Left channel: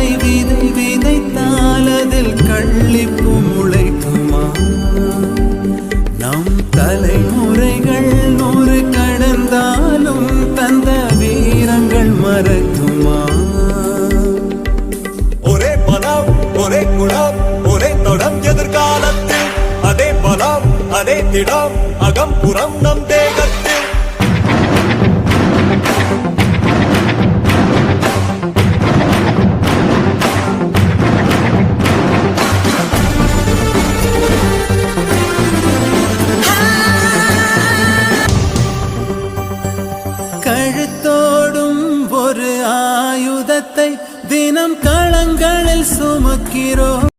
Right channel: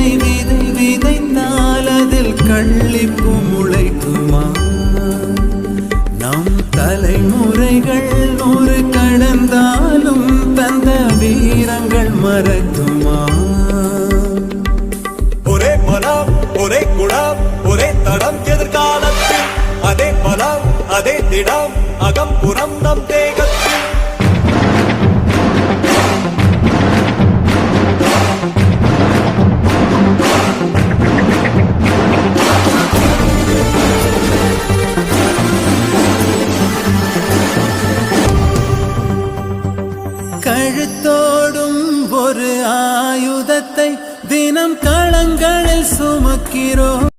விதை விதை விதைத்தால் அதில் கள்ளிப்பு முளைக்குமா? நம் தலைமுறைகள் 100 கடந்தாலும் தந்த வீரங்கள் மறக்குமா? ஒரே மனம் ஒரே குணம் ஒரே தடம் எதிர்காலத்தில், அதே மனம் அதே திடம் அகம் புறம் நம் தேகத்தில். கழுத்தோடும் ஒரு ஆயுதத்தை தினம் களங்களில் சுமக்கிறோம்.